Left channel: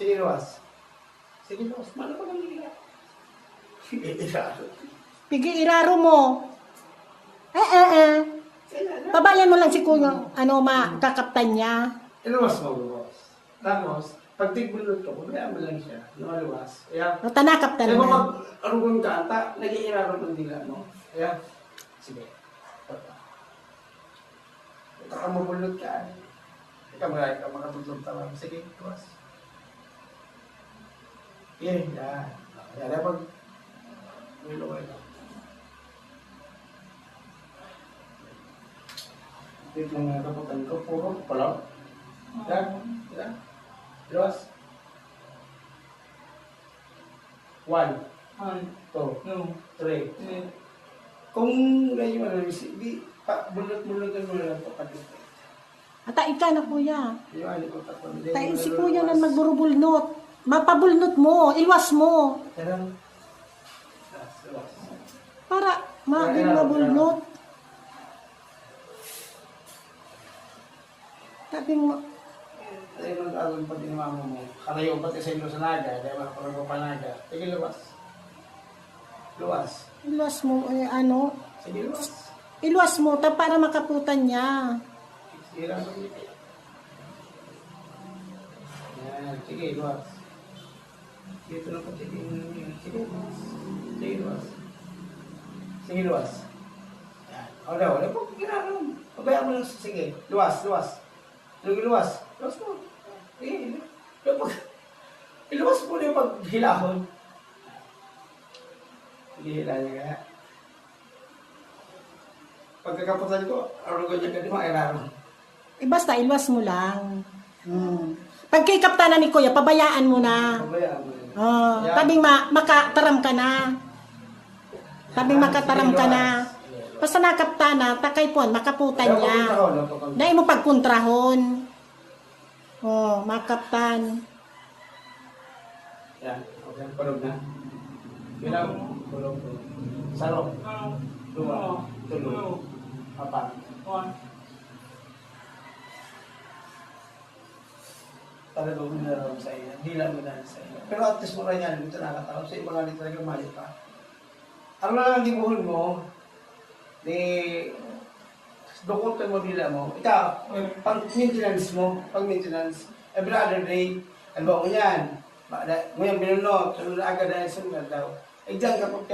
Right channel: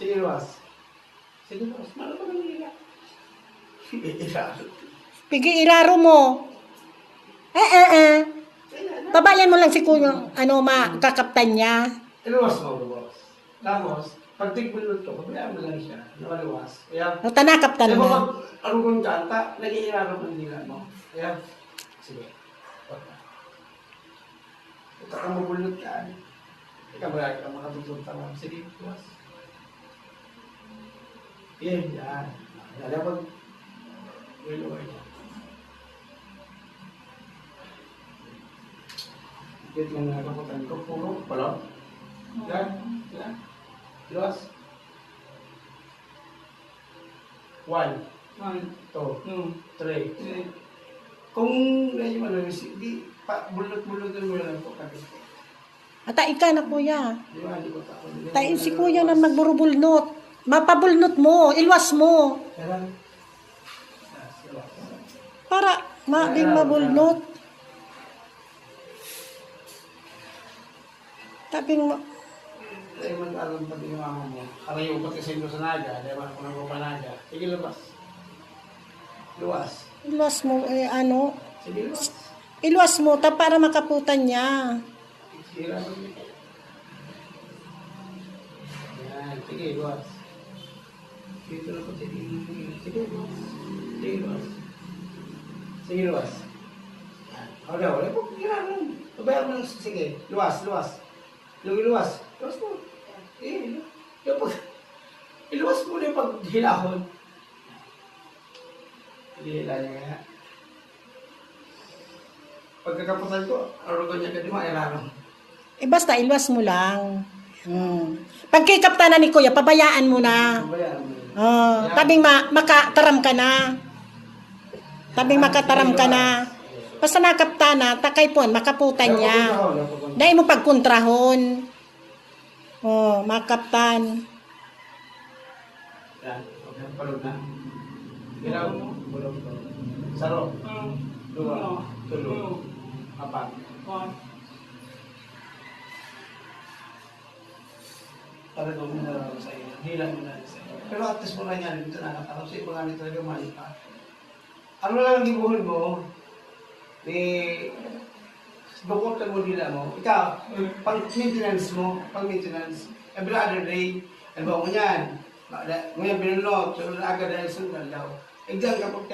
Sige, luwas. Sige, luwas. Malo ko lang nila. Iraro. Pigi iraro mo. Pabayan mo lang si kuya, makakaptan niya. Iluwas mo, luwas. Tapos, pag tigbulot ko, pabayaan mo lang siya. Luwas. Kaya, O, tanakaptan diba mo. pag arugong kanta, nag-iiraro man nila mo. Kaya, sige. Baka mabulot ka. Ikaw marami ka makatutulog tawag. Sige, luwas. Yan. Yan. Pag willow. Dito lang mga kaputan ko. Puro. Palaw. Yan. Luwas. 1, 2, 3. Kung ganyan mo lang, di bulot-bulotan mo lang po pati. Atain ka na kuya. Di ba, di ko tapon. Tain si kuya na magburubulnot. Mapabulnot mo, ilwas mo. Kaya, Para din mabulnot. Sabi mo, dahil mag-aroon pati yung mama mo. Karayo pati sa ilo sa naga, dahil makapalago pa naga. Sige, luwas. Luwas. ilwas mo, Sige, luwas. ilwas mo, para makaputan niya. Sige, luwas. Yan, sige, luwas. Dito na pati din. Sige, luwas. Sige, luwas. Sige, luwas. Wala po. Pabayaan mo lang. Sige, luwas. Sige, luwas. Luwas mo. Iluwas mo na yung paghilahon. Hila niya kaya. Pagkakapusan ko, arugan niya ka di mo, ay raro. Basta ilwas mo lang. Pag kay kaptanan ni kuya, pabayaan mo na. Pabayaan mo na. Tabing makataram ka na. Tabing makataram ka na. Basta nakaptana, takay puan, makaputan niya. Dahil mo pagkuntrahon. Makaptan. Yan, okay, palog na. Bilang, palog. Saro. 2, 3, 4. Para gawin na rin sa inyo. Hila mo na rin sa inyo. Pero at least mo lang yan, dito nakataraw. Sa iba nga nito talaga mali pa. Ano na lang ang gibuhon mo, dukotan mo nila mo. Ikaw, pag-maintenance mo, every other day, ano ba mo yan? Mo yan binunod, so agad na sunod daw. Exam ka po